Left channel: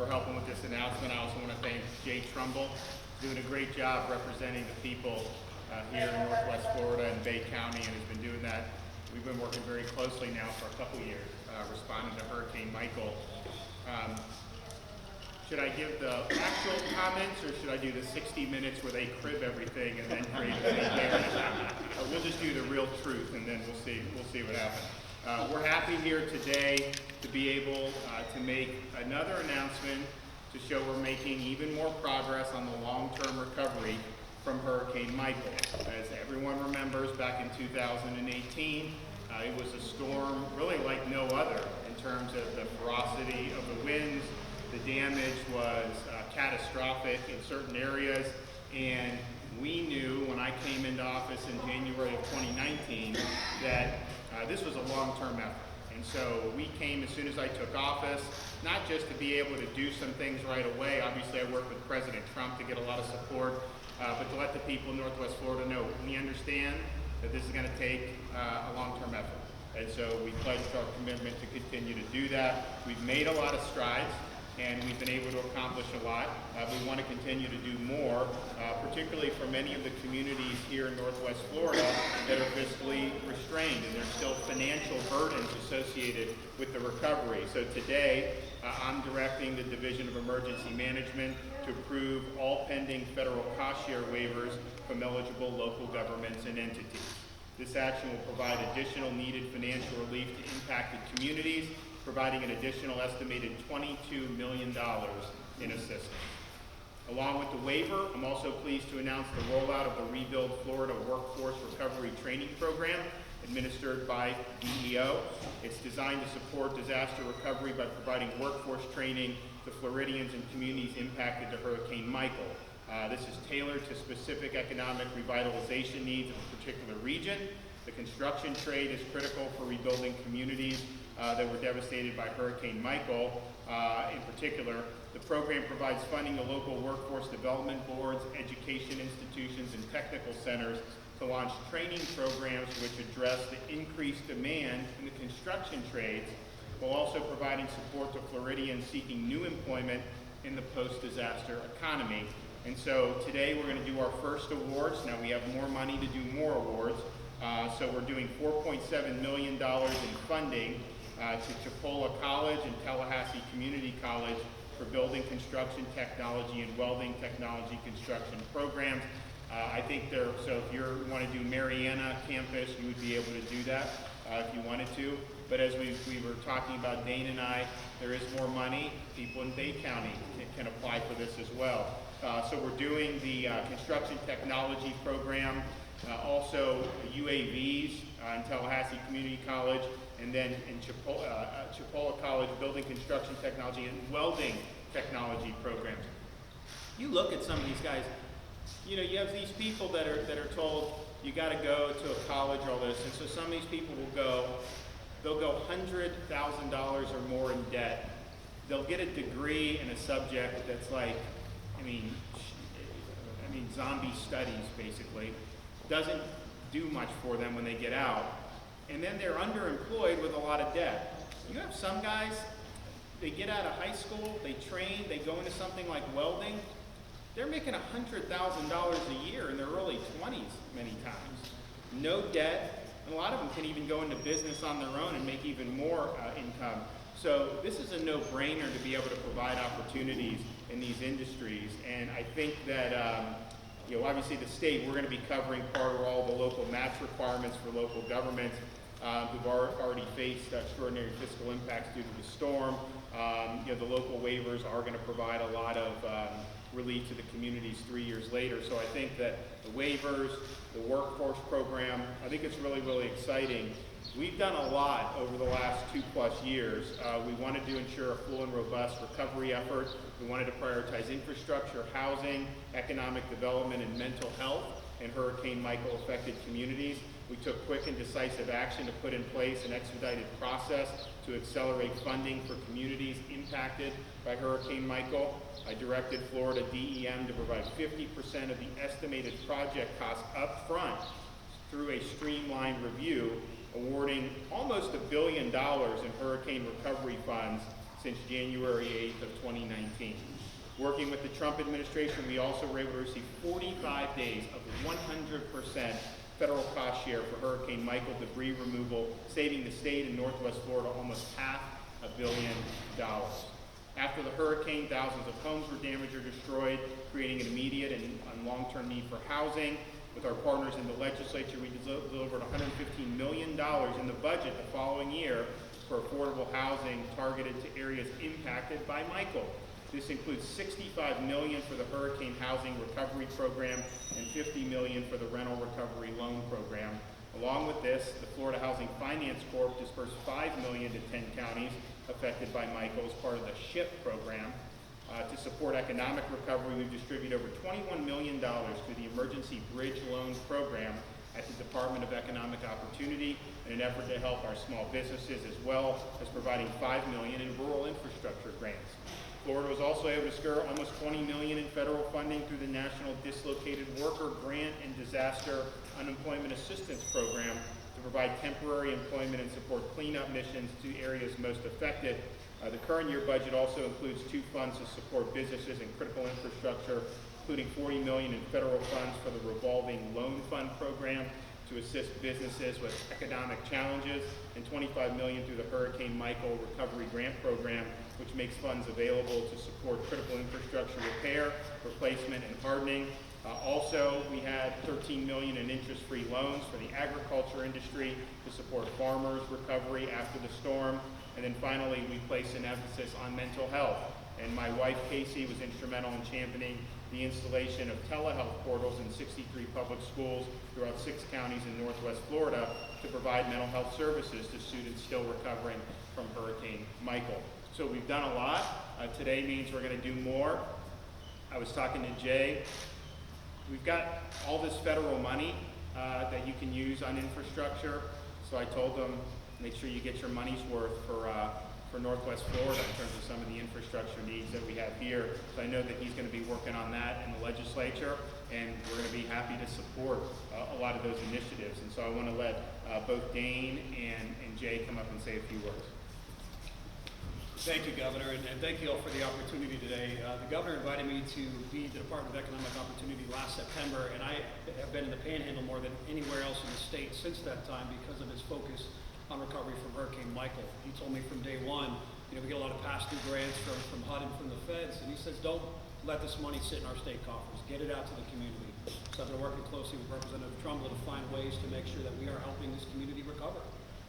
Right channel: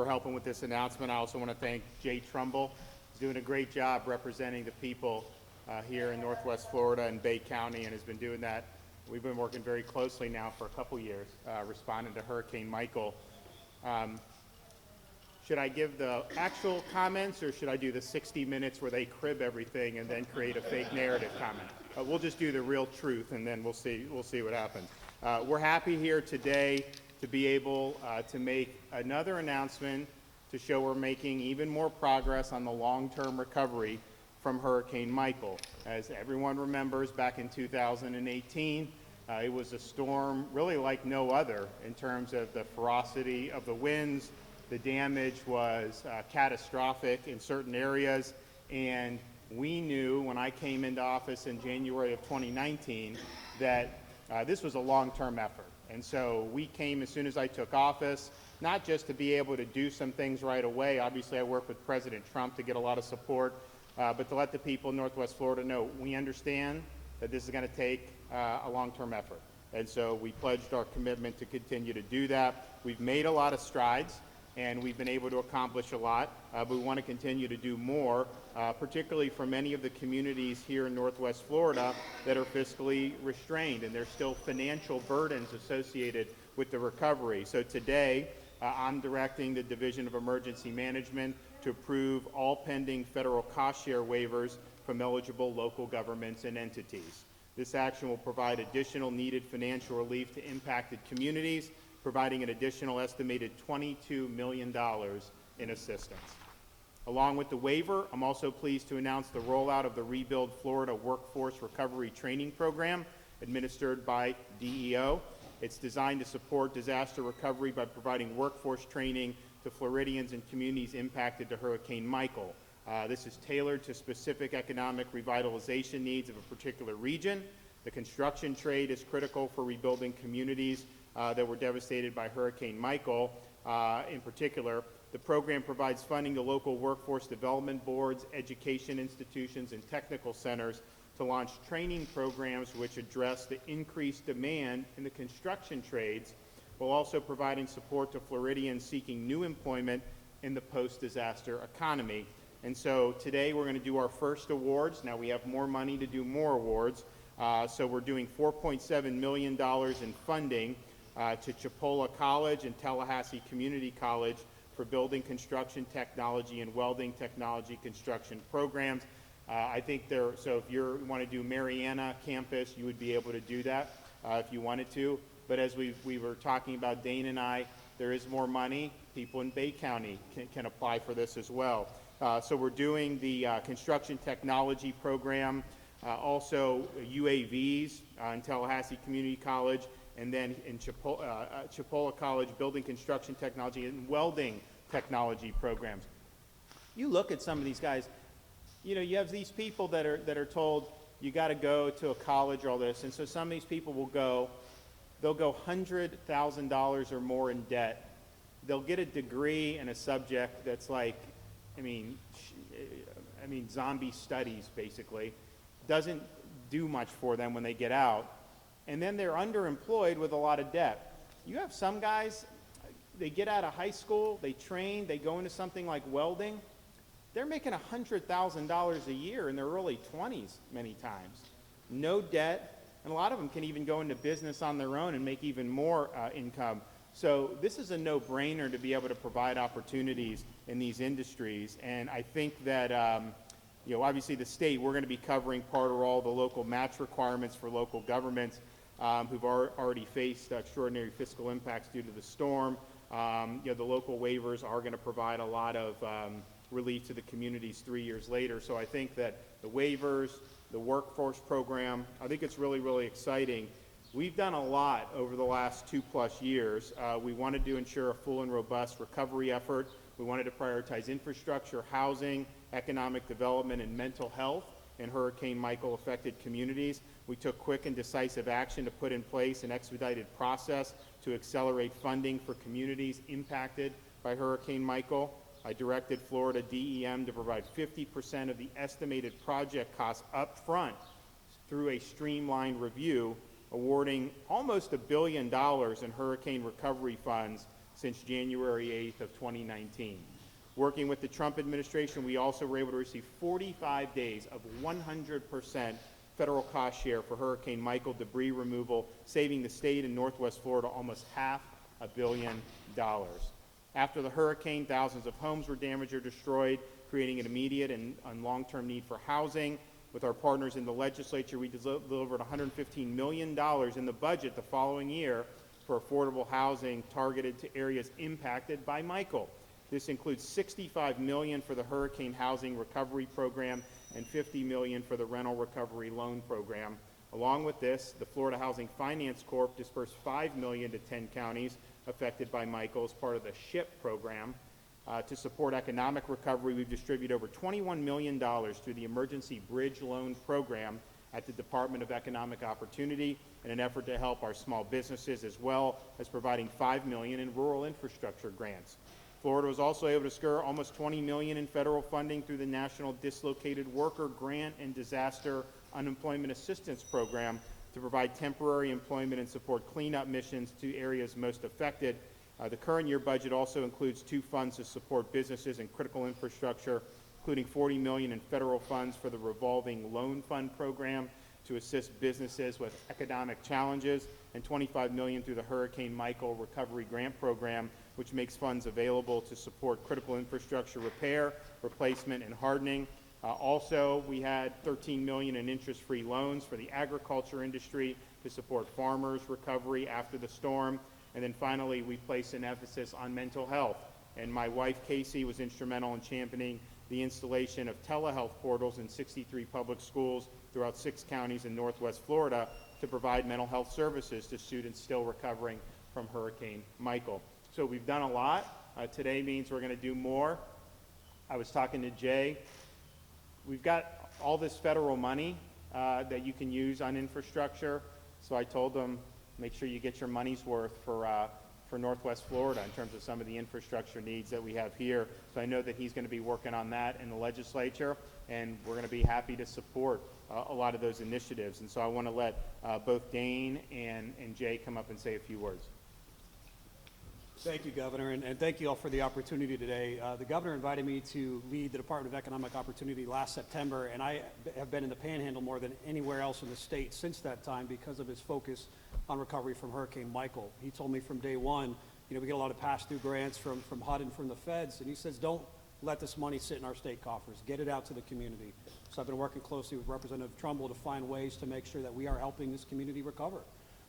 for helping with this announcement. I also want to thank Jay Trumbull. He's doing a great job representing the people here in Northwest Florida and Bay County, and has been doing that. We've been working very closely now for a couple years, responding to Hurricane Michael. Should I give the actual comments, or should I do the 60 minutes where they crib everything and then create a fake narrative? We'll just do the real truth, and then we'll see what happens. We're happy here today to be able to make another announcement to show we're making even more progress on the long-term recovery from Hurricane Michael. As everyone remembers, back in 2018, it was a storm really like no other in terms of the ferocity of the winds. The damage was catastrophic in certain areas, and we knew when I came into office in January of 2019 that this was a long-term effort. And so we came as soon as I took office, not just to be able to do some things right away. Obviously, I worked with President Trump to get a lot of support, but to let the people in Northwest Florida know we understand that this is going to take a long-term effort. And so we pledged our commitment to continue to do that. We've made a lot of strides, and we've been able to accomplish a lot. We want to continue to do more, particularly for many of the communities here in Northwest Florida that are fiscally restrained, and there's still financial burdens associated with the recovery. So today, I'm directing the Division of Emergency Management to approve all pending federal cost share waivers from eligible local governments and entities. This action will provide additional needed financial relief to impacted communities, providing an additional estimated $22 million in assistance. Along with the waiver, I'm also pleased to announce the rollout of the Rebuild Florida Workforce Recovery Training Program administered by DEO. It's designed to support disaster recovery by providing workforce training to Floridians and communities impacted to Hurricane Michael. This is tailored to specific economic revitalization needs of a particular region. The construction trade is critical for rebuilding communities that were devastated by Hurricane Michael. In particular, the program provides funding to local workforce development boards, education institutions, and technical centers to launch training programs which address the increased demand in the construction trades, while also providing support to Floridians seeking new employment in the post-disaster economy. And so today we're going to do our first awards. Now we have more money to do more awards. So we're doing $4.7 million in funding to Chipola College and Tallahassee Community College for building construction technology and welding technology construction programs. I think so if you want to do Mariana campus, you would be able to do that if you wanted to. But as we were talking about, Dane and I, there is more money. People in Bay County can apply for this as well. So we're doing the construction technology program, also UAVs in Tallahassee Community College, and then in Chipola College, building construction technology and welding technology programs. You look at some of these guys, you have these people that are told you got to go to a college or all this, and so some of these people they'll go $100,000 or more in debt. They'll get a degree in a subject that's like, zombie studies basically. Doesn't do much for them when they get out. And then they're underemployed with a lot of debt. You have some guys, they get out of high school, they train, they go into something like welding. They're making $100,000 a year in their early 20s many times. No debt, and a lot of them can even go into business on their own and make even more income. So this is a no-brainer to be able to provide opportunities in these industries. And I think that obviously the state, we're going to be covering part of all the local match requirements for local governments who've already faced extraordinary fiscal impacts due to the storm. The local waivers are going to provide a lot of relief to the communities 3 years later. So I think that the waivers, the workforce program, I think it's really, really exciting. We've done a lot over the last 2+ years. We wanted to ensure a full and robust recovery effort. We wanted to prioritize infrastructure, housing, economic development, and mental health in Hurricane Michael affected communities. We took quick and decisive action to put in place an expedited process to accelerate funding for communities impacted by Hurricane Michael. I directed Florida DEM to provide 50% of the estimated project costs up front through a streamlined review, awarding almost $1 billion in hurricane recovery funds since January 8th of 2019. Working with the Trump administration, we also were able to receive 45 days of 100% federal cost share for Hurricane Michael debris removal, saving the state and Northwest Florida almost $500 million. After the hurricane, thousands of homes were damaged or destroyed, creating an immediate and long-term need for housing. With our partners in the legislature, we delivered $115 million in the budget the following year for affordable housing targeted to areas impacted by Michael. This includes $65 million for the Hurricane Housing Recovery Program and $50 million for the Rental Recovery Loan Program. Along with this, the Florida Housing Finance Corp dispersed $5 million to 10 counties affected by Michael as part of the SHIP program. To support economic recovery, we've distributed over $21 million to the Emergency Bridge Loan Program at the Department of Economic Opportunity in an effort to help our small businesses, as well as providing $5 million in rural infrastructure grants. Florida was also able to secure almost $20 million in federal funding through the National Dislocated Worker Grant and Disaster Unemployment Assistance Program to provide temporary employment and support cleanup missions to areas most affected. The current year budget also includes two funds to support businesses and critical infrastructure, including $40 million in federal funds for the revolving loan fund program to assist businesses with economic challenges, and $25 million through the Hurricane Michael Recovery Grant Program, which makes funds available to support critical infrastructure repair, replacement, and hardening. Also, we had $13 million in interest-free loans for the agriculture industry to support farmers' recovery after the storm. And then finally, we placed an emphasis on mental health. And my wife, Casey, was instrumental in championing the installation of telehealth portals in 63 public schools throughout 6 counties in Northwest Florida to provide mental health services to students still recovering from Hurricane Michael. So we've done a lot. Today means we're going to do more. I was talking to Jay. We've got all this federal money that you can use on infrastructure. So I told them, make sure you get your money's worth for Northwest Florida in terms of some of the infrastructure needs that we have here. So I know that he's going to be working on that in the legislature, and we're going to be happy to support a lot of those initiatives. And so I want to let both Dane and Jay come up and say a few words. Thank you, Governor, and thank you all for the opportunity today. The Governor invited me to lead the Department of Economic Opportunity last September, and I have been in the Panhandle more than anywhere else in the state since that time because of his focus on recovery from Hurricane Michael. He told me from day one, we get a lot of pass-through grants from HUD and from the feds, and he says, don't let this money sit in our state coffers. Get it out to the community. So I've been working closely with Representative Trumbull to find ways to make sure that we are helping this community recover.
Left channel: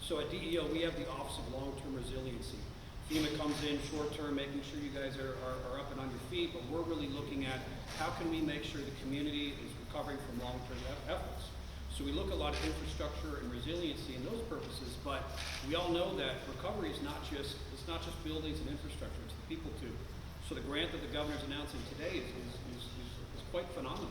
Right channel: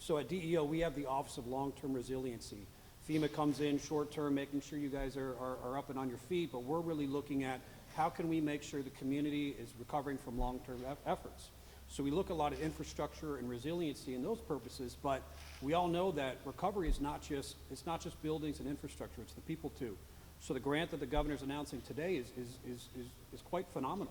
So at DEO, we have the Office of Long-Term Resiliency. FEMA comes in short-term, making sure you guys are up and on your feet, but we're really looking at how can we make sure the community is recovering from long-term efforts. So we look a lot at infrastructure and resiliency and those purposes, but we all know that recovery is not just buildings and infrastructure, it's the people too. So the grant that the governor's announcing today is quite phenomenal.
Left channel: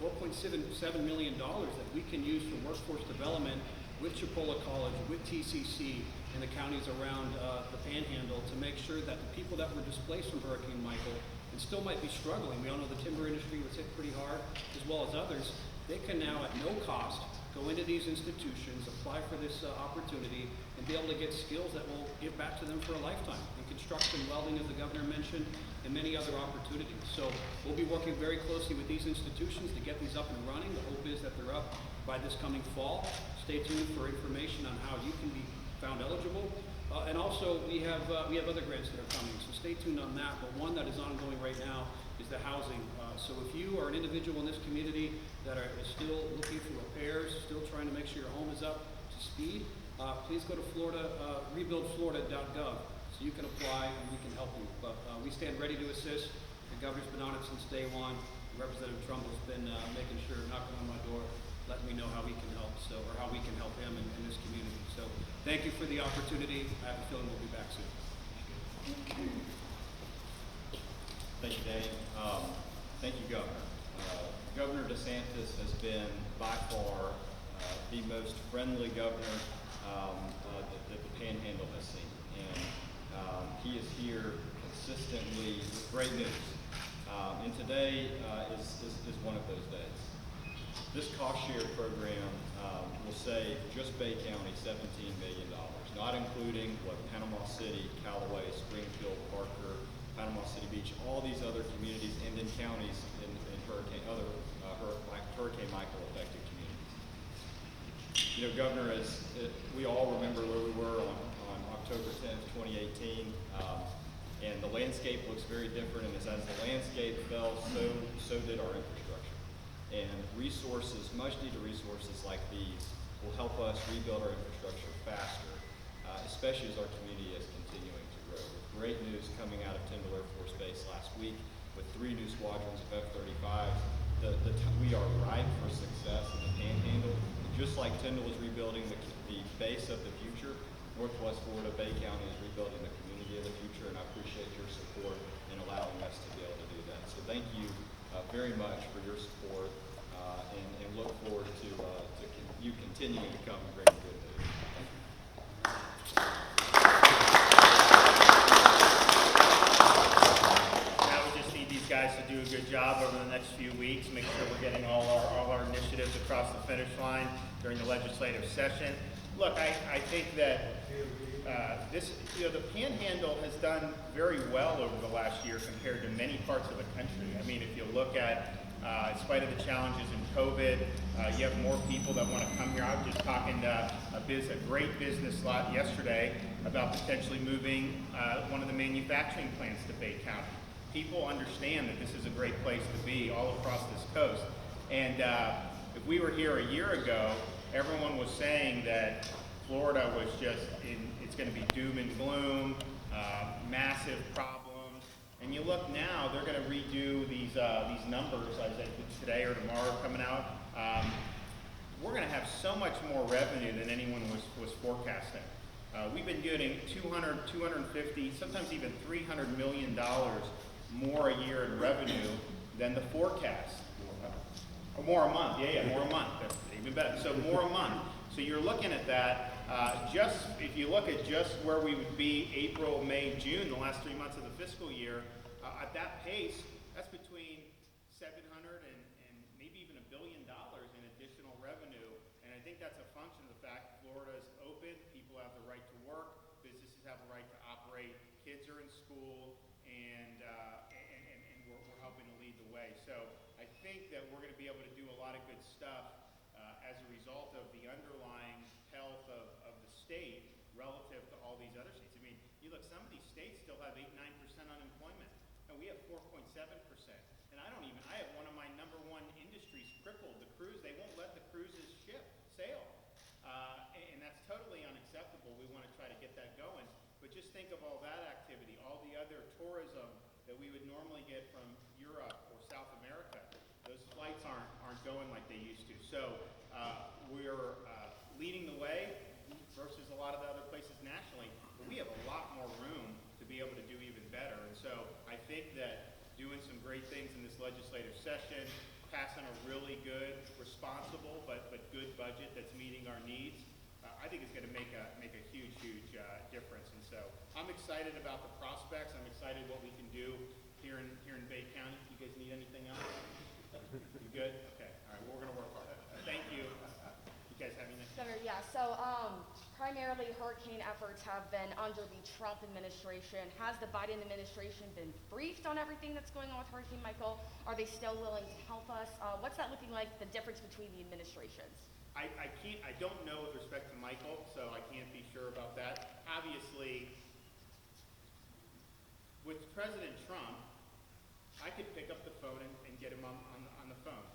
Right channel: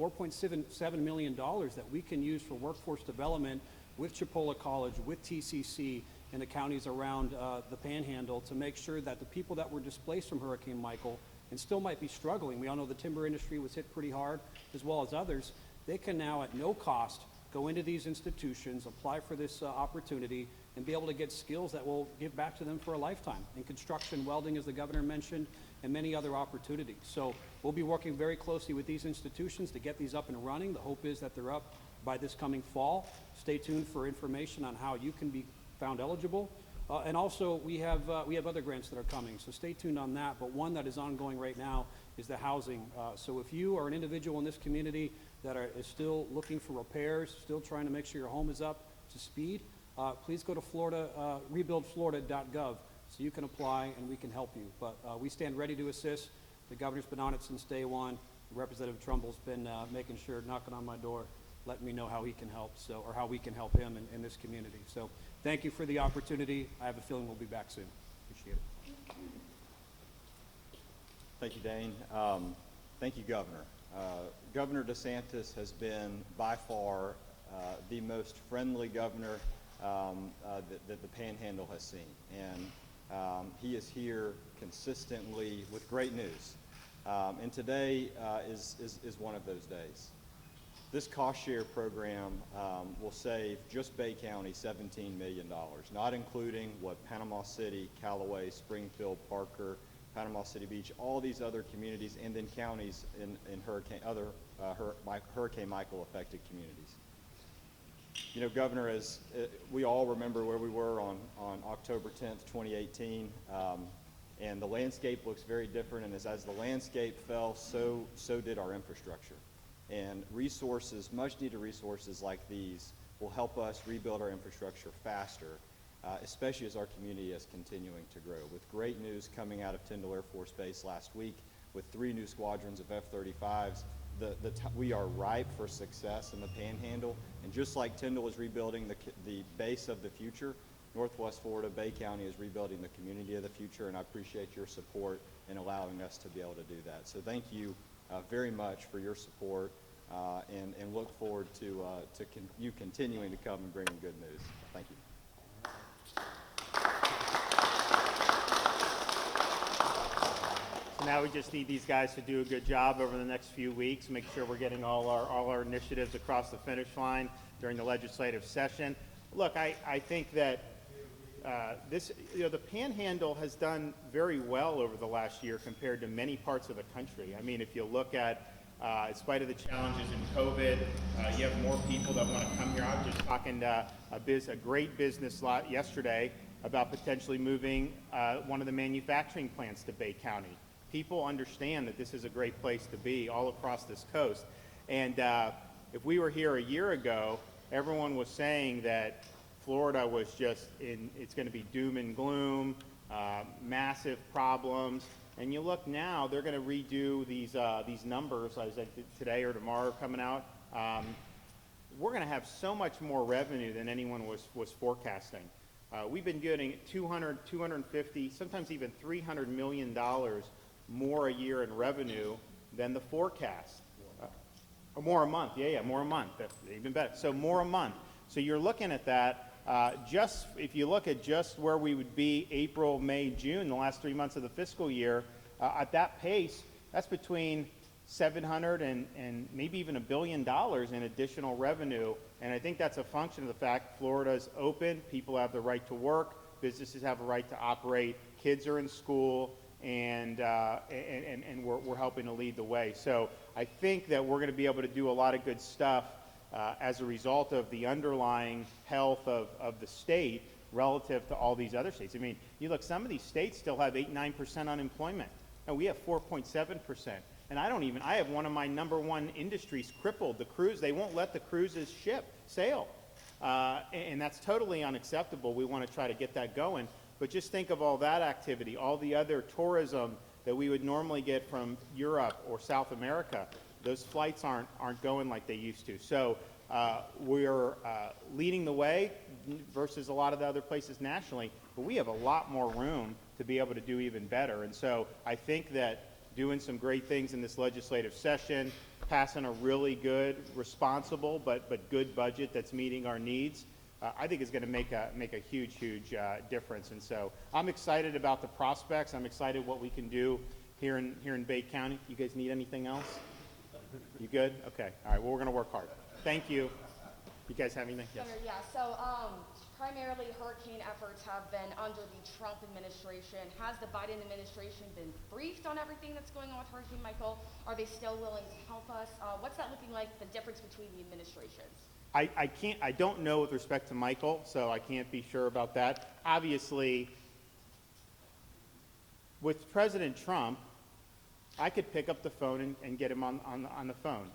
$4.7 million that we can use for workforce development with Chipola College, with TCC, in the counties around the Panhandle to make sure that the people that were displaced from Hurricane Michael and still might be struggling, we all know the timber industry was hit pretty hard, as well as others, they can now at no cost go into these institutions, apply for this opportunity, and be able to get skills that will give back to them for a lifetime in construction, welding, as the governor mentioned, and many other opportunities. So we'll be working very closely with these institutions to get these up and running. The hope is that they're up by this coming fall. Stay tuned for information on how you can be found eligible. And also we have other grants that are coming, so stay tuned on that. But one that is ongoing right now is the housing. So if you are an individual in this community that is still looking for repairs, still trying to make sure your home is up to speed, please go to rebuildflorida.gov so you can apply and we can help you. But we stand ready to assist. The governor's been on it since day one. Representative Trumbull's been making sure, knocking on my door, letting me know how he can help, or how we can help him in this community. So thank you for the opportunity. I have a feeling we'll be back soon. Thank you, Danny. Thank you, Governor. Governor DeSantis has been by far the most friendly governor that the Panhandle has seen. And he is here consistently with great news. And today is one of those days. This cost share program will save just Bay County $17 million, not including what Panama City, Callaway, Springfield, Parker, Panama City Beach, all these other communities, and then counties in Hurricane Michael affected communities. You know, Governor, as we all remember where we were on October 10th, 2018, and the landscape looks very different, and as the landscape fell, so did our infrastructure. And resources, much needed resources like these will help us rebuild our infrastructure faster, especially as our community is continuing to grow. With great news coming out of Tyndall Air Force Base last week, with 3 new squadrons of F-35s, we are ripe for success in the Panhandle. And just like Tyndall is rebuilding the base of the future, Northwest Florida, Bay County is rebuilding the community of the future, and I appreciate your support in allowing us to be able to do that. So thank you very much for your support, and look forward to you continuing to come and bring good news. Thank you. Now we just need these guys to do a good job over the next few weeks, make sure we're getting all our initiatives across the finish line during the legislative session. Look, I think that the Panhandle has done very well over the last year compared to many parts of the country. I mean, if you look at, in spite of the challenges in COVID, you have more people that want to come here. I was just talking to a great business lot yesterday about potentially moving one of the manufacturing plants to Bay County. People understand that this is a great place to be all across this coast. And if we were here a year ago, everyone was saying that Florida was just, it's going to be doom and gloom, massive problems. And you look now, they're going to redo these numbers, as I did today or tomorrow coming out. We're going to have so much more revenue than anyone was forecasting. We've been getting 200, 250, sometimes even $300 million more a year in revenue than the forecast. Or more a month, more a month, even better. So more a month. So you're looking at that. Just if you look at just where we would be April, May, June, the last 3 months of the fiscal year, at that pace, that's between 700 and maybe even $1 billion in additional revenue. And I think that's a function of the fact Florida's open, people have the right to work, businesses have a right to operate, kids are in school, and we're helping to lead the way. So I think that we're going to be able to do a lot of good stuff as a result of the underlying health of the state relative to all these other states. I mean, you look, some of these states still have 8-9% unemployment, and we have 4.7%. And I have one of my #1 industries crippled, the cruise. They won't let the cruises sail. And that's totally unacceptable. We want to try to get that going. But just think of all that activity, all the other tourism that we would normally get from Europe or South America. Those flights aren't going like they used to. So we're leading the way versus a lot of the other places nationally, but we have a lot more room to be able to do even better. And so I think that doing some great things in this legislative session, passing a really good, responsible, but good budget that's meeting our needs, I think is going to make a huge difference. And so I'm excited about the prospects. I'm excited what we can do here in Bay County. You guys need anything else? You good? Okay. All right. Well, we're going to work hard. Thank you. You guys have anything? Yes. Yeah. So primarily hurricane efforts have been under the Trump administration. Has the Biden administration been briefed on everything that's going on with Hurricane Michael? Are they still willing to help us? What's that looking like, the difference between the administrations? I don't know with respect to Michael, so I can't be sure about that. Obviously, with President Trump, I could pick up the phone and get him on the phone.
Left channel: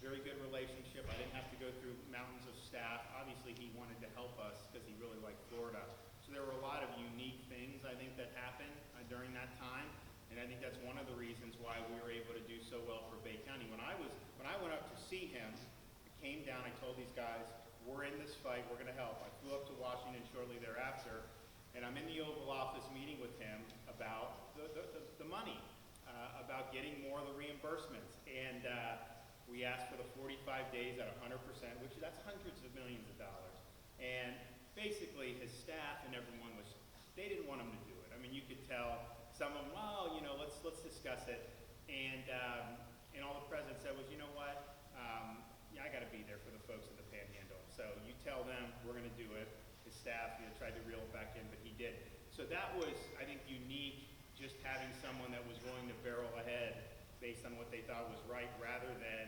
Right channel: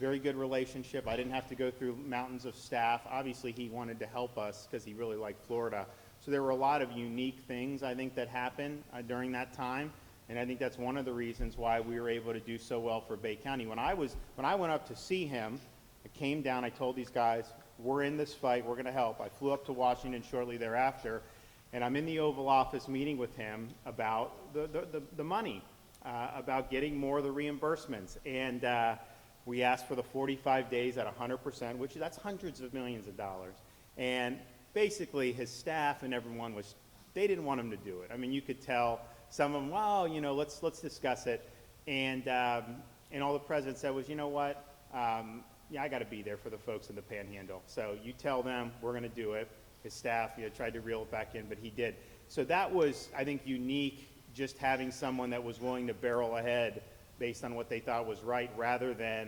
Very good relationship. I didn't have to go through mountains of staff. Obviously, he wanted to help us because he really liked Florida. So there were a lot of unique things, I think, that happened during that time. And I think that's one of the reasons why we were able to do so well for Bay County. When I went up to see him, I came down, I told these guys, we're in this fight, we're going to help. I flew up to Washington shortly thereafter, and I'm in the Oval Office meeting with him about the money, about getting more of the reimbursements. And we asked for the 45 days at 100%, that's hundreds of millions of dollars. And basically his staff and everyone they didn't want him to do it. I mean, you could tell some of them, well, let's discuss it. And all the president said was, you know what, yeah, I got to be there for the folks in the Panhandle. So you tell them we're going to do it. His staff, tried to reel it back in, but he did. So that was, I think, unique, just having someone that was willing to barrel ahead based on what they thought was right, rather than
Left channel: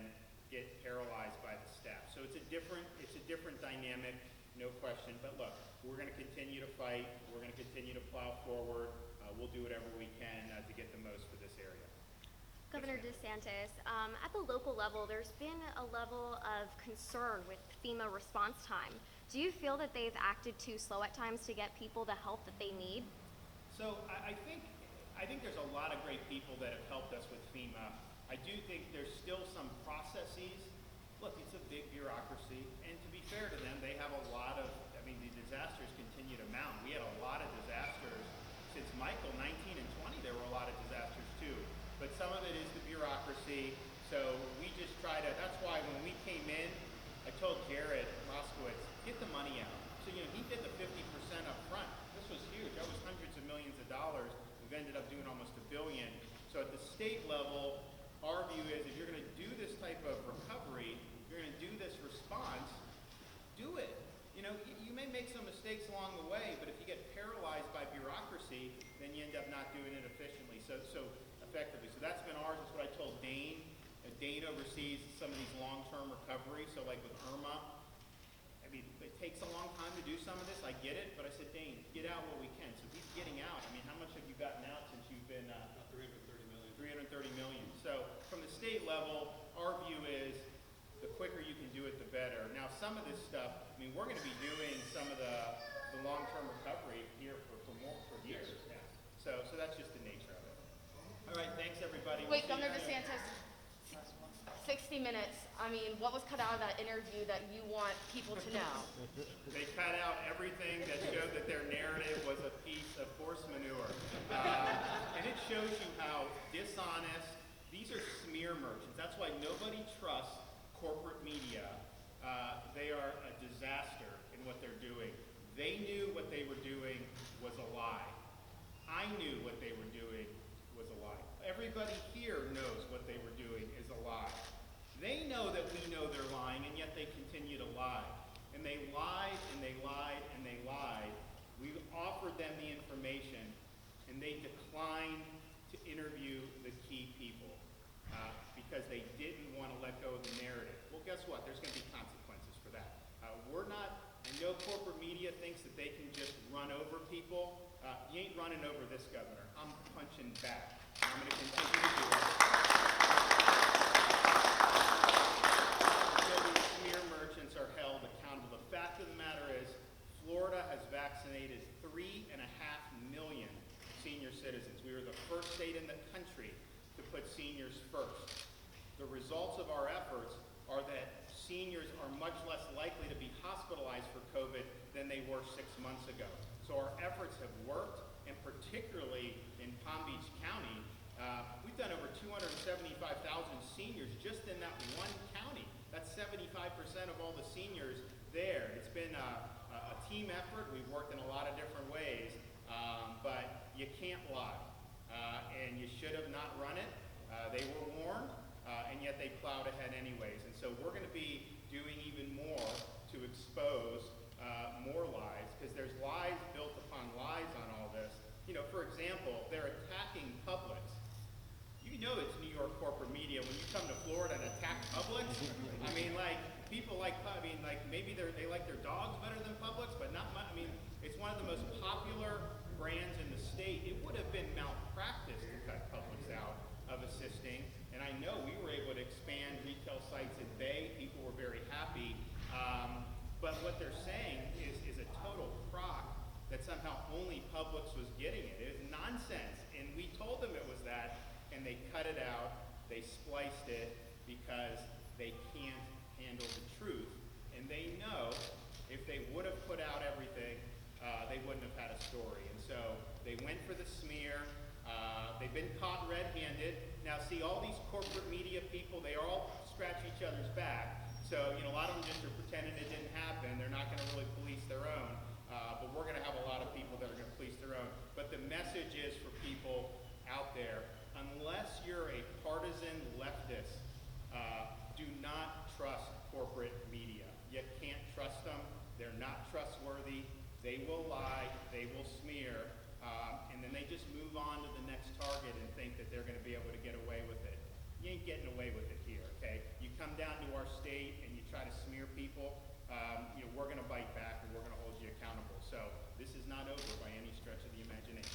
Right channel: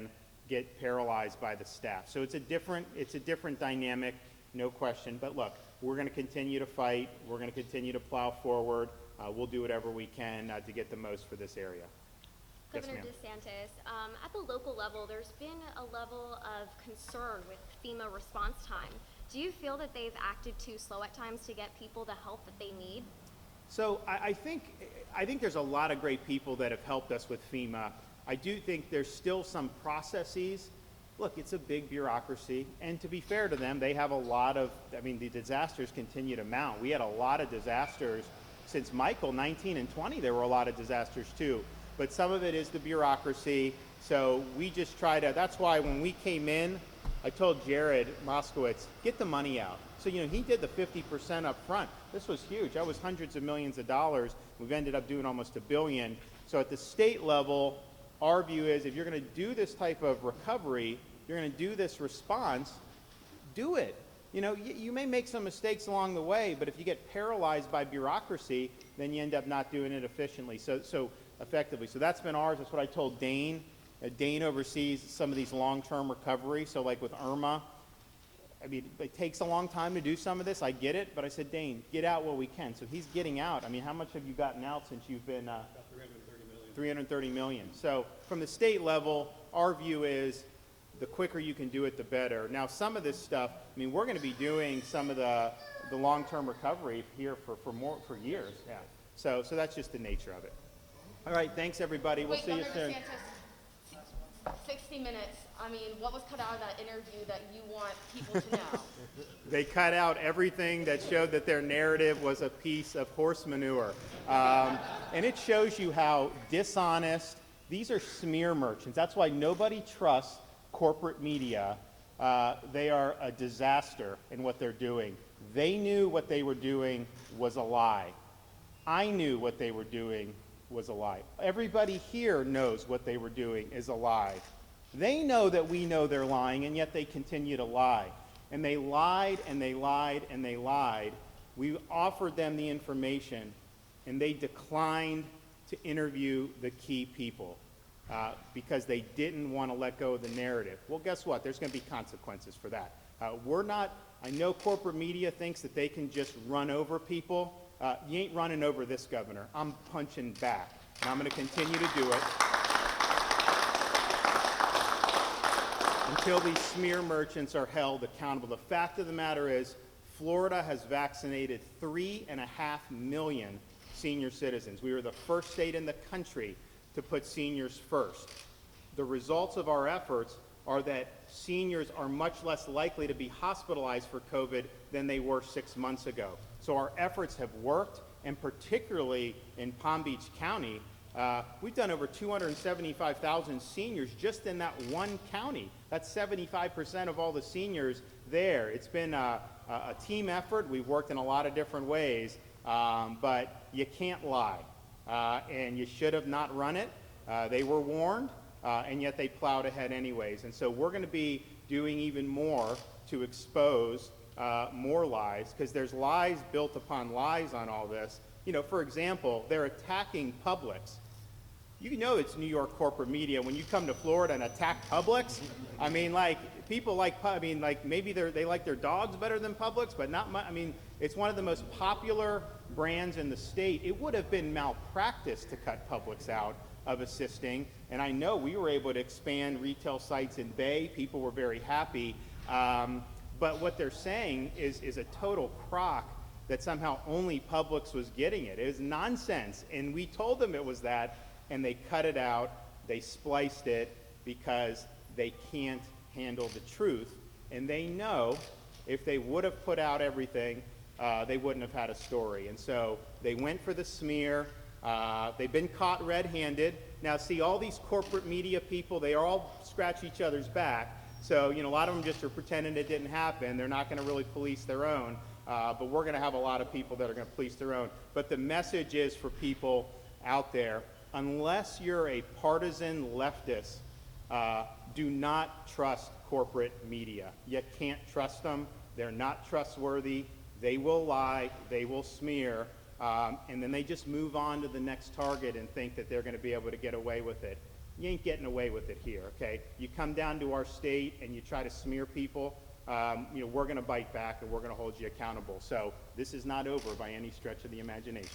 get paralyzed by the staff. So it's a different dynamic, no question. But look, we're going to continue to fight. We're going to continue to plow forward. We'll do whatever we can to get the most for this area. Governor Yes, ma'am. DeSantis, at the local level, there's been a level of concern with FEMA response time. Do you feel that they've acted too slow at times to get people the help that they need? So I think there's a lot of great people that have helped us with FEMA. I do think there's still some processes. Look, it's a big bureaucracy, and to be fair to them, they have a lot of, the disasters continue to mount. We had a lot of disasters since Michael, 19 and 20, there were a lot of disasters too. But some of it is the bureaucracy, so we just try to, that's why when we came in, I told Jared Moskowitz, get the money out. So, he did the 50% up front. This was huge. That was hundreds of millions of dollars. We've ended up doing almost $1 billion. So at the state level, our view is if you're going to do this type of recovery, you're going to do this response, do it. You may make some mistakes along the way, but if you get paralyzed by bureaucracy, then you end up not doing it efficiently. So effectively. So that's been ours. That's what I told Dane. Dane oversees some of these long-term recovery. So like with Irma, it takes a long time to do some of this. I get it, but I said, Dane, get out what we can. So he's getting out. How much have you gotten out since you've been? About 330 million. $330 million. So from the state level, our view is the quicker you can do it, the better. Now, some of this stuff, we're going to be doing some of the long-term recovery here for years. Yeah. So that's just the nature of it. All right, thanks everybody. We'll Wait, see you Governor soon. DeSantis, 60 minutes. What was cut out of that interview that you want people to know? They cut out everything that showed that their narrative was a piece of horse manure. And it shows you how dishonest, these are smear merchants. That's why nobody trusts corporate media. They are a disaster in what they're doing. They knew what they were doing was a lie. I knew what they were doing was a lie. Everybody here knows what they were doing is a lie. They know that we know they're lying, and yet they continue to lie. And they lied, and they lied, and they lied. We offered them the information, and they declined to interview the key people because they didn't want to let go of the narrative. Well, guess what? There's going to be consequences for that. I know corporate media thinks that they can just run over people. You ain't running over this governor. I'm punching back. And I'm going to continue to do it until these smear merchants are held accountable. The fact of the matter is, Florida has vaccinated 3.5 million senior citizens. We were the first state in the country to put seniors first. The results of our efforts are that seniors are much less likely to be hospitalized for COVID than they were 6 months ago. So our efforts have worked, and particularly in Palm Beach County, we've done over 275,000 seniors just in that one county. That's 75% of all the seniors there. It's been a team effort. We've worked in a lot of different ways, but you can't lie. And you should have not run it. They were warned, and yet they plowed ahead anyways. And so we're going to be doing even more to expose more lies, because there's lies built upon lies on all this. For example, they're attacking Publix. It's New York corporate media when you come to Florida and attack Publix. People maybe they like their dogs better than Publix, but not much. It's one of the most popular brands in the state. It would have been malpractice to cut Publix out of assisting, and I know we were able to expand retail sites in Bay. People were very happy. But what they're saying is a total crock that somehow only Publix was getting it. It is nonsense. And we told them it was that, and they cut it out. They spliced it because they can't handle the truth. And they know if they would have put out everything, they wouldn't have had a story. And so they went for the smear. They've been caught red-handed. Now, see, all these corporate media people, they all scratch each other's back. So, a lot of them just are pretending it didn't happen. They're not going to really police their own. But we're going to have a lot of people that are going to police their own. But the message is for people out there, unless you're a partisan leftist, Do not trust corporate media. You can't trust them. They're not trustworthy. They will lie. They will smear. And then they just move on to the next target and think that they're going to be able to get away with it. You ain't getting away with it here, okay? You come down to our state and you try to smear people, we're going to bite back and we're going to hold you accountable. So this is not over by any stretch of the imagination.